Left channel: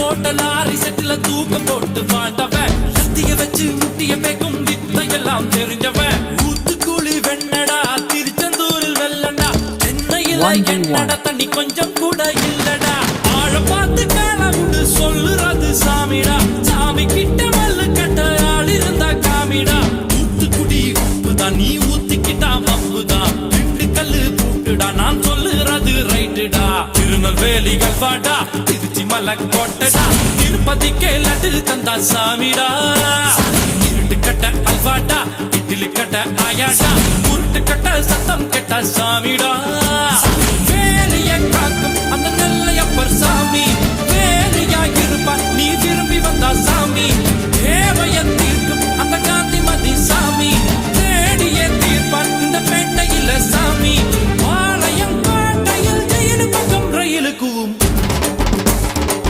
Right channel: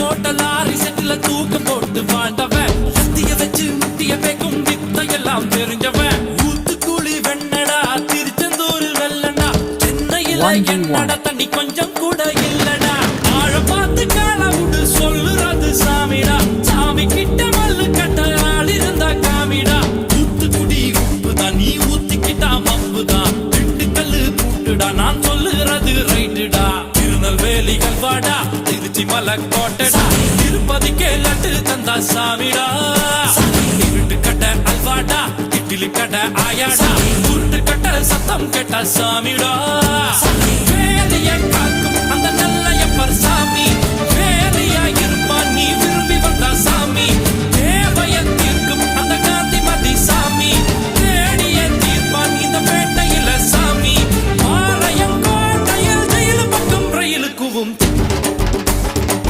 போட்ட லாரி செட்டுல தூக்கம் போட்டு வாழ்ந்தவன் சத்திய வச்சு முட்டிய பேக்கும் வித்தையெல்லாம் தெரிஞ்சவன் ஊத்துக்குழி வெண்ணடா திருச்செந்தூரில் வெள்ளடா சென்னையில என்னடா தண்ணி கொஞ்சம் கூட இல்லடா ஆழ பார்த்து காலவுடு சொல்லுறது சாமிடா சாமி கிட்ட மல்லு கட்ட ஆள் இருந்தா காமிடா ஊத்துக்குடி உப்புதான் நீ ஊத்திக்கிட்டா மப்புதான் ரெண்டு கல்லு பூட்டுடா நான் சொல்லுறது ரைட்டுடா திருநெல்வேலி கல்வாடா திருச்சி மலை கோட்டடா திருப்பதிக்கே லட்டு தந்தா சாமிடா இருட்டு கட்ட அல்வாடா இட்லி கட்ட ஆயாடா உருட்டு கட்ட சத்தம் கேட்டா சாமிடா